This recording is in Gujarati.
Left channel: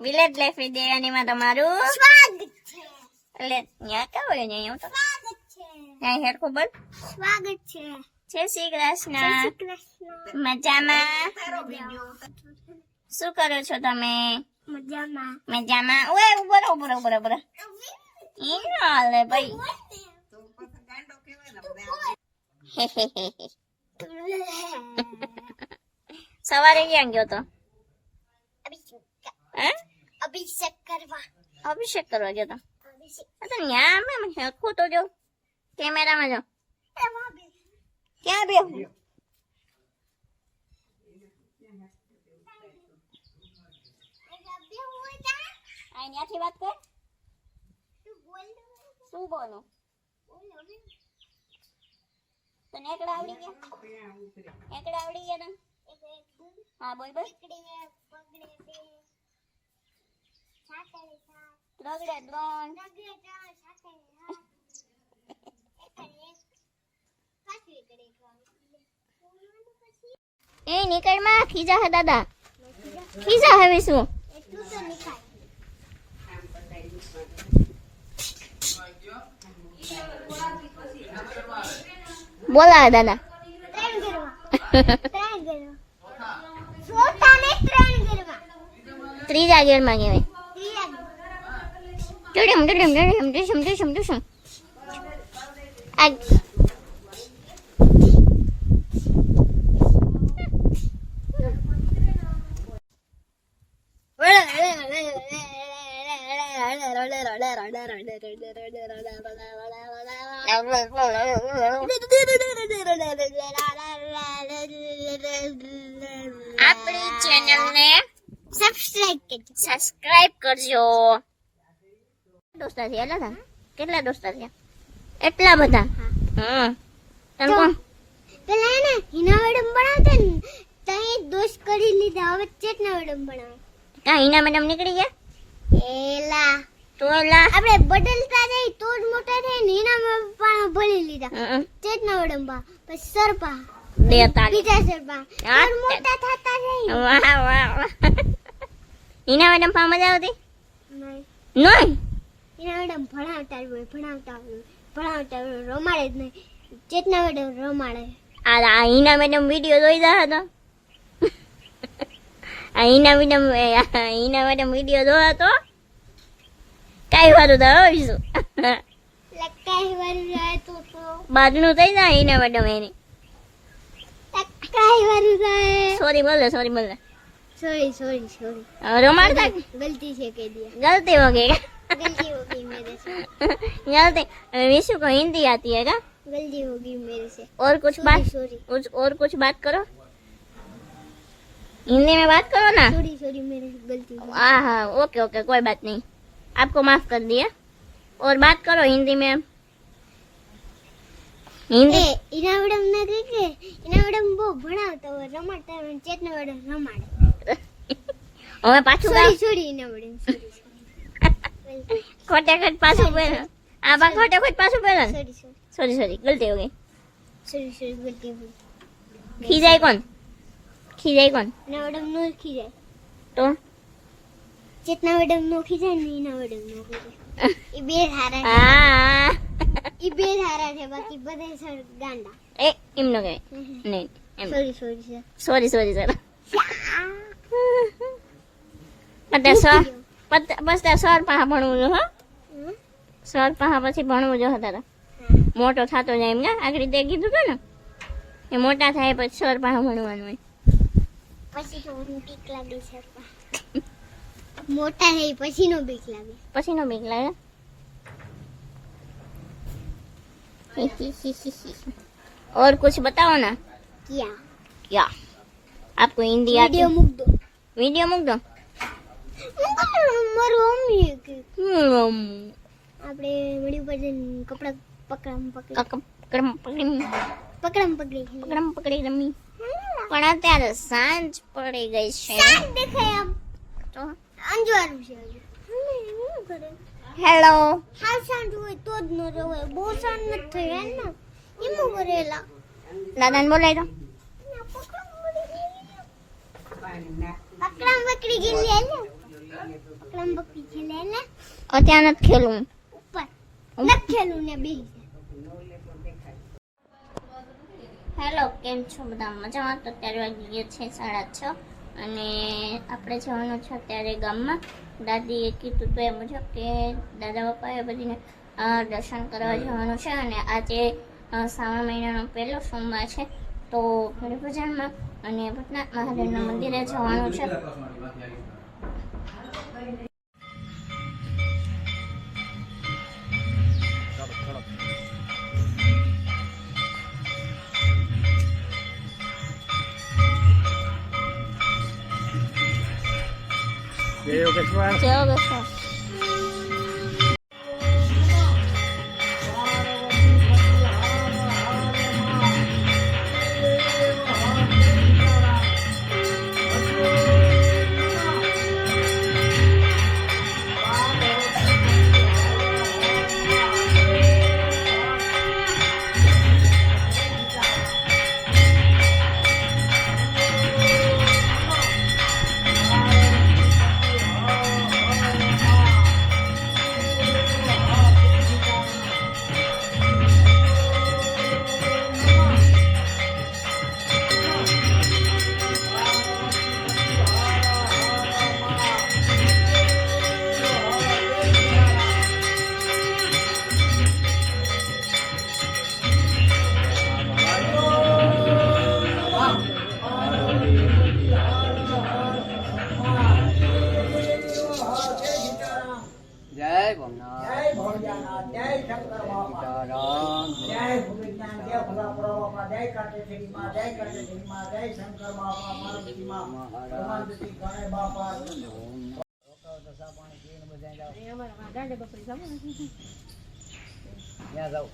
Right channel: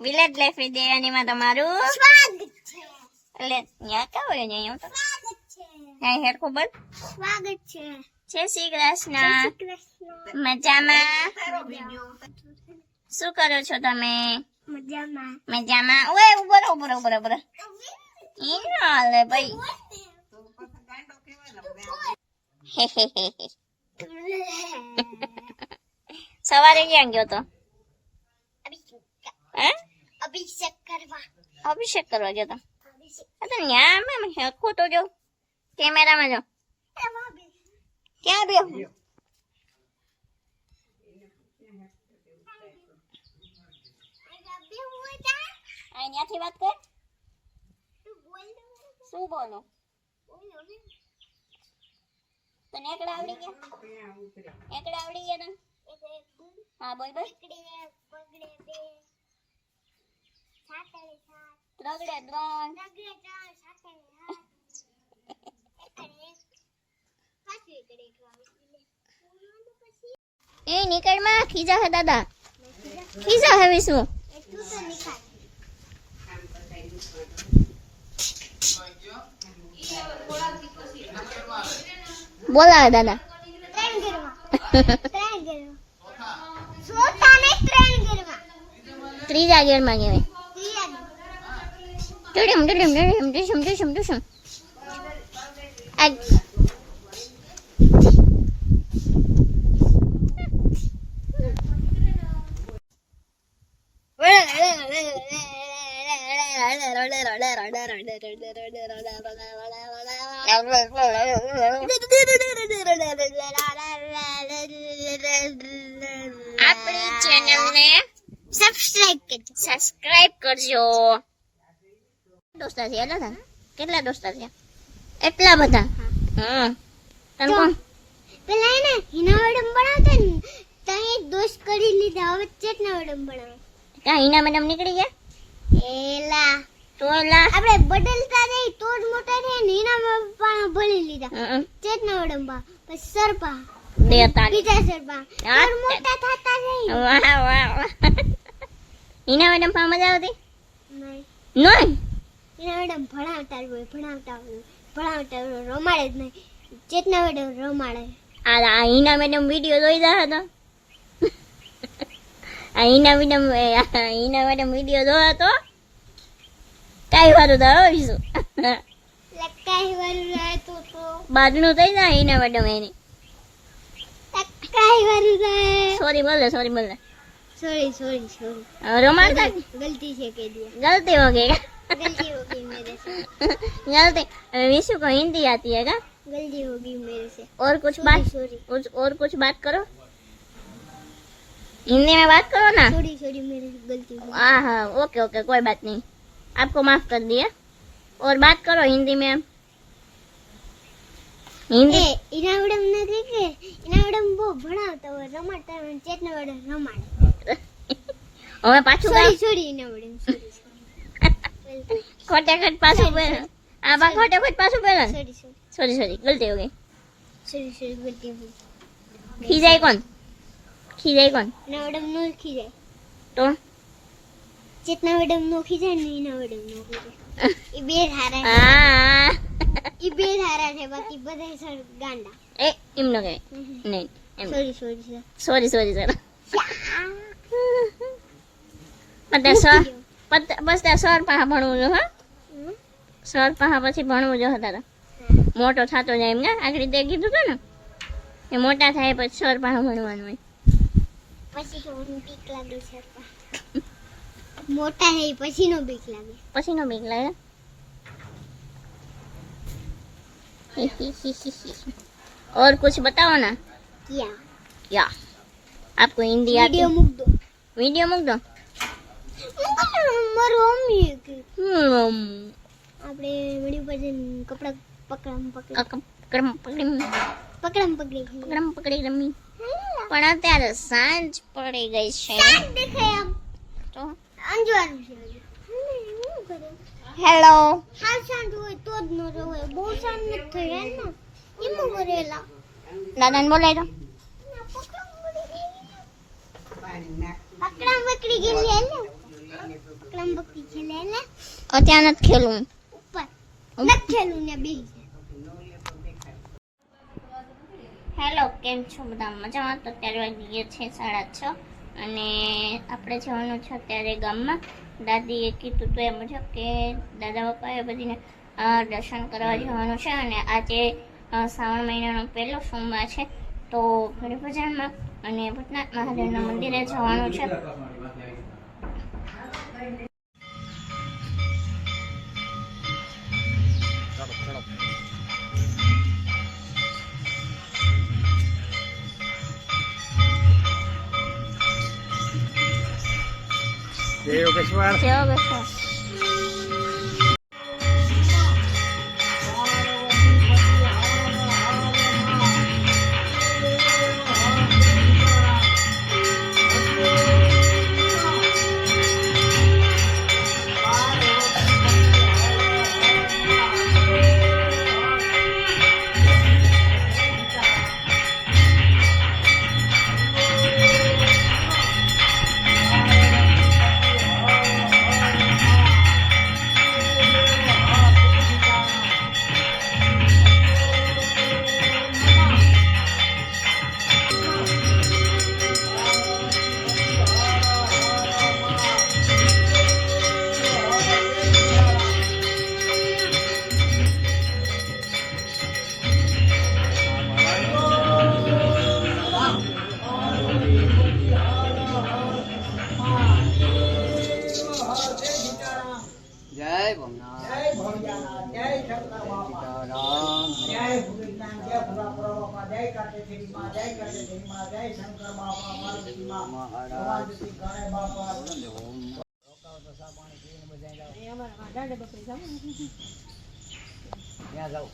વિલેજ લાઈફ વિડિયોમાં તમારું સ્વાગત છે. એટલે ન્યા કા હોય ને હું તો સ્વાગત છે. અહીં હેડ ખબર સ્વાગત છે. જય શ્રી કૃષ્ણ કૃષ્ણ. મજામાં શું કરો છો તમે મજામાં. મજામાં ઓય ઉભો ઈ હાલે ભાઈ સવારે ક્યાં ગયો તો હે અભિષેક કરવા. અભિષેક કરવા ગયો તો તો ન્યા મેં હેખું તો જો કેમેરામાં જો ક્યાં બે અહીંયાથી વાત કર શું બોલું તને એકડા આવડી ગયા તને હા બોલ બોલ રગડે ત્રણ એ નીકળ માં ખીજા હે દાદા ખીજા હવે શું બોલા દાદા ત્રીજા ગેર માં કહેવાય આપણી ચેનલને સબસ્ક્રાઇબ કરજો દોસ્તાર છે કેટલા દોસ્તાર છે એટલા બધા હા તને કોણ પેલા હે ને હિના મેડમ બનાવતા ને તઈ દોસ્ત કરી લીધા હવે ચેતના મેડમ બનાવે કા હિના મેડમ નીકળી ગયા એલા તોલા આપણે બદલતા રહી તો જ મોટા થાય ને હિના મેડમ ભણી લીધા ચેતના મેડમ પા પછી સરપા દેતા બીજા સરપા તો મોટા થતા રહી વાહ હિના મેડમ પા મજા આવતી નહીં નહીં હિના મેડમ ભણાવતા રમાડે જ નહીં ચેતના મેડમ રમાડે આ હિના મેડમ વિડિયો જોઈ રહ્યા હતા આ હિના મેડમ વિડિયો જોયા તો કઈ વારું તો આવીશું લકાઈ વારું રાતો તો બાજનું થઈ જાય હિના મેડમ એની લકાઈ વારું રાય સોરી બોલે सॉरी रोमांटा गलती से कह दिया गलती हो गई गलती हो गई मेरे से गलती विशु को हिंदी आती है क्या गलती हो गई मेरे से और कुछ बात और कुछ बात करो हिंदी में बात करो ना सॉरी मेरे से गलती हो हाँ हाँ ओके कोई बात नहीं आपको माफ कर दिया और बात करो हिंदी में आप हिंदी इना मैडम ने देखे इना मैडम वो भणावता હોય રમાડતા હોય ચેતના મેડમ રમાડે હવે પાછું ગાવ સોરી ઇના મેડમ ખોટે ખોટ પાછું બોલ આ બા ખોટે ખોટ પાછું બોલ सॉरी गलती हो गई सॉरी गलती हो गई खीजाई कौन इना मैडम नो खीजाय तो ચેતના મેડમ નો ખીજાય ને ઇના મેડમ નો ખીજાય ઈ બે હારા हाँ ઈ બે હારા છે બાકી બધા સર ગાંડા ए इमनो के नहीं सॉरी सॉरी सर पता सर बस सर पाहा भणવું જો હા સર પાહા પછી ભણવું જો હતા મોટો થાતો જાય એમ ને આગળ તે કીધું તો ને એ મોટા થાય પછી સર પાહા ભણવાનું હોય પછી તો બીક લાગે સર પા મોટા હે પછી નો બીક લાગે और कुछ बताओ ना क्या आपको हिंदी आती वीडियो मुक दो મારો મમ્મી કે આપણે વિડિયો પર જઈને કપડા પકડમ પકડી રમી પણ અત્યારે સાંજ પડી ગઈ છે દેખાય આમ તો અંજવાળું છે હેલો હા સાંજ હોય તો જ ન રવાય બહુ સાંજ ન થાય ને એમ કરેલા દાદાને બોલાય તો પકડમ પકડી ગઈ લે ત્યાં નથી ખેલું. ઉપર નથી ખેલું ને બે. હેલો, કેમ છો બધા? મજામાં? તો અત્યારે વાગી છે 6:30 અને આપણે જવાનું છે અત્યારે ગામમાં. દાદીએ કીધું તો એ મુજબ કે દાદા પપ્પાએ બધીને દર્શન કરવા જવાનું છે અને આજે શ્રાવણ મહિનાનો પહેલો સોમવાર છે તો ઘણી બજારમાં અને ભૂતનાથ મહાદેવના મંદિરે જવાનું છે. જય યોગેશ્વર. જય યોગેશ્વર. જય ભોમનાથ. જય ભોળિયાનાથ. જય શંકર બાપા. જય ભોળિયાનાથ. જય ભોળા બાપા. જય કાટેશ્વરી માં. જય કાટેશ્વરી માં. જય શંકર બાપા. પાર્વતી માં. રમાદેવી ગણે બાપા. ત્યાં જાઓ.